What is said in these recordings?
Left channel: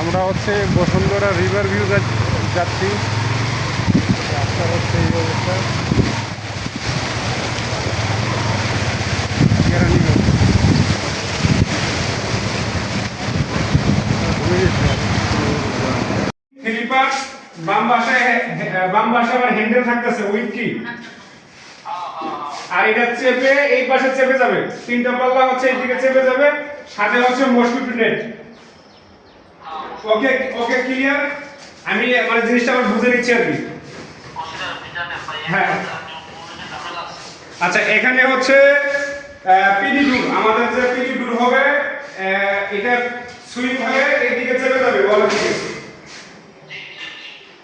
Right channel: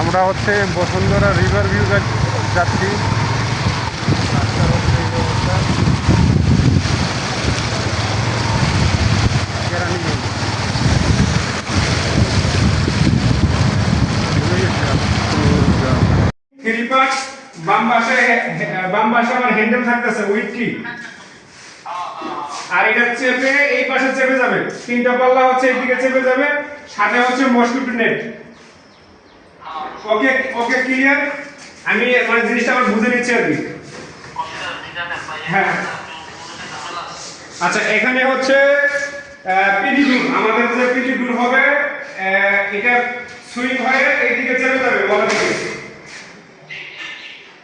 আমরা হচ্ছে Bashundhara river view যাচ্ছি। রাস্তার হচ্ছে এই অবস্থা। কেরানীগঞ্জ থ্রি পার্ট বাম পাশে আমার হ্যান্ডেল থাকতেছে উইথ কি, আর এটা চেপে এই পাশে চেপে যাবে, তিনটা পাল্লা হচ্ছে এইদিকে চেপে যাবে, সাথে হচ্ছে মসকিউটো নেট। ওকে ওকে ক্লিয়ার। আমি মানে জিনিসটা আমার বুঝে নিচ্ছি আর কি। হ্যাঁ আচ্ছা, এখানে হচ্ছে পিডি ডুর, আমাদের যে পিডি ডুর হবে এটা সুইং হয়ে এইদিকে চেপে যাবে বলার দিকে।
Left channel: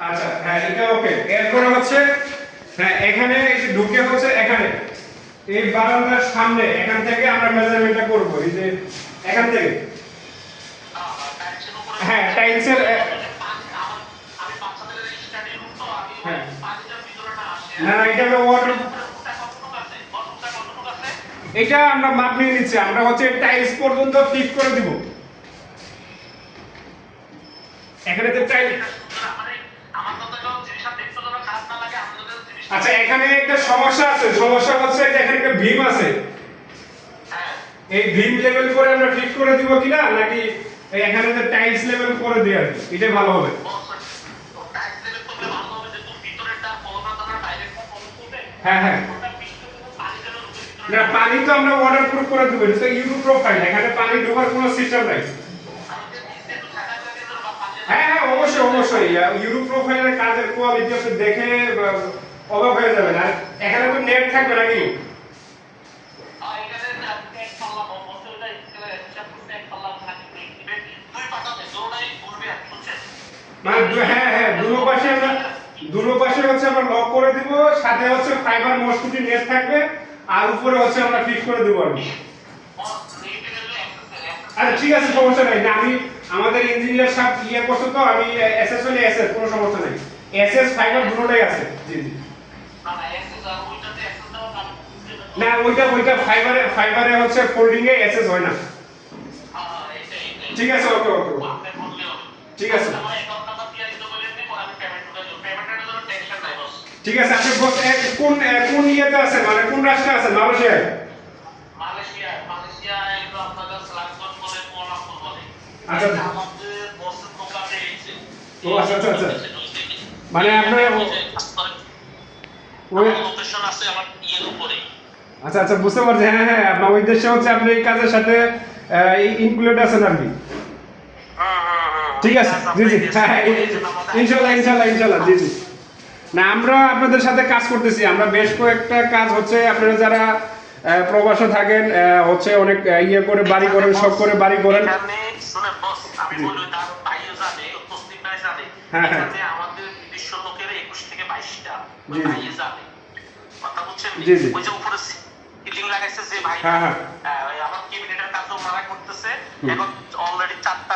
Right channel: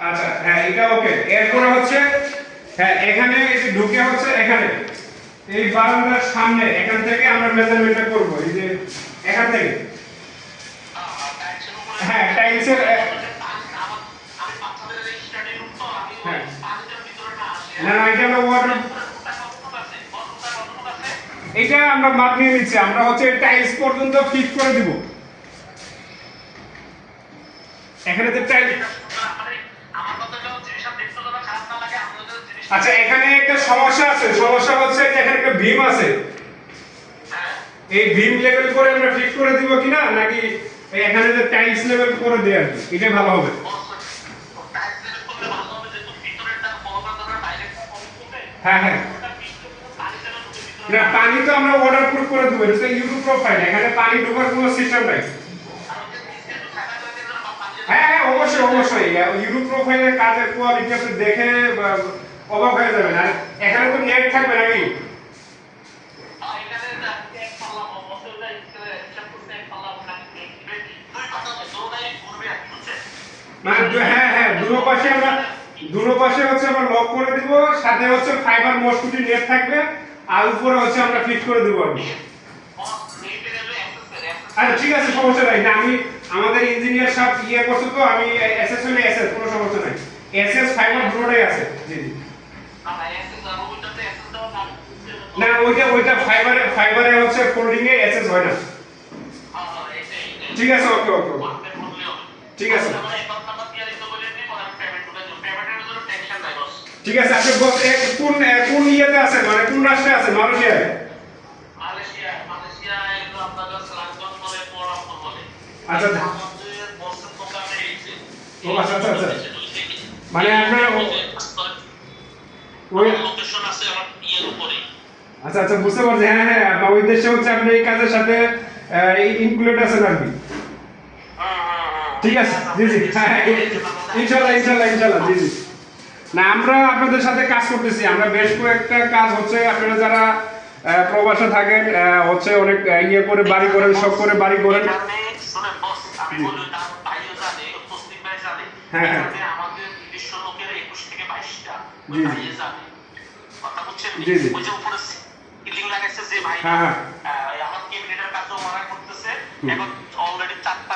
আচ্ছা হ্যাঁ এটা ওকে। এরপরে হচ্ছে হ্যাঁ এখানে ঢুকে হচ্ছে এখানে এই বারান্দার সামনে এখান থেকে আমরা মেজারমেন্টটা করব, এই যে এখান থেকে। হ্যাঁ টাইলসের হ্যাঁ না না এটা হলো ওয়াটার, এটা আমরা মাপ নিয়ে নিচ্ছি, আমরা হচ্ছে টাইলস পর্যন্ত ফিট করে দিব। এখানে তো টাইল আচ্ছা এখানে একটা সমস্যা আছে, সমস্যা হচ্ছে এখানে একটা ভীম আছে, এই ভীম লেভেল করে আমরা ফিট করে দিব কিনা, নাকি এখানে যে টাইলস লেভেল করে দেই আর কি, এটা ভালো হবে। হ্যাঁ হ্যাঁ না পানি তো আমরা ওয়াটার প্রুফ করে দেব, এটা ইউরো প্রোফাইল, এখানে পানি ঢোকার কোনো সিস্টেম নাই। হ্যাঁ হ্যাঁ অবশ্যই অবশ্যই, ইউরো প্রোফাইলের কাজের কোয়ালিটি আপনি দেখে অবাক হয়ে যাবেন। আর এখানে তো নেট থাকবে নাকি? হ্যাঁ হ্যাঁ দুটো পাশে হচ্ছে আমরা লক করে দিব, সাথে হচ্ছে ফাইবার মসকুটি নেট থাকবে, আর উপরে হচ্ছে আমরা ফিট করে দেব আর কি। আচ্ছা ঠিক আছে সমস্যা নাই, না আমি আমাদের ইঞ্জিনিয়ার সব ইয়ে করছে তো, আমি এসএস হলে এসএস কোনো সমস্যা নাই, এসএস ফাইবার দুটোই আছে। জি জি না ওইটা ফাইবারে হচ্ছে ফোল্ডিং এ এসএস হয় না। ঠিক আছে ওকে ওকে ঠিক আছে ঠিক আছে। আপনি কোন কোন ইয়েতে আছে, মানে কোন রাষ্ট্রে আছে? মালয়েশিয়ায়? আচ্ছা ও আচ্ছা আচ্ছা আচ্ছা, মানে আপনার ওই আচ্ছা আচ্ছা বুঝতে পারছি। হ্যাঁ হ্যাঁ আপনার ওই দেশে হচ্ছে আপনি এই কাজের সাথে ইনক্লুড আছেন আর কি। ঠিক আছে জি জি হ্যাঁ হ্যাঁ ইনশাআল্লাহ ইনশাআল্লাহ ইনশাআল্লাহ জি জি। না আমরা আপনাদের সাথে কাজ করতেছি, আমরা বেশ কয়েকটা কাজ হচ্ছে, আপনারা যারা প্রবাসে থাকেন হচ্ছে অনেক ইয়ে করে বাড়ি করেন, সব করে বাড়ি করেন। হ্যাঁ হ্যাঁ আমাদের নিজস্ব লোকের 21 থেকে 22টা জানে কথা বুঝছেন। ওই যে উপরে সিলিং লাগাইছে যে ভাই, হ্যাঁ হ্যাঁ আমার কেবিনেটের কাজও মারা করতেছে, এখন অলরেডি 4টা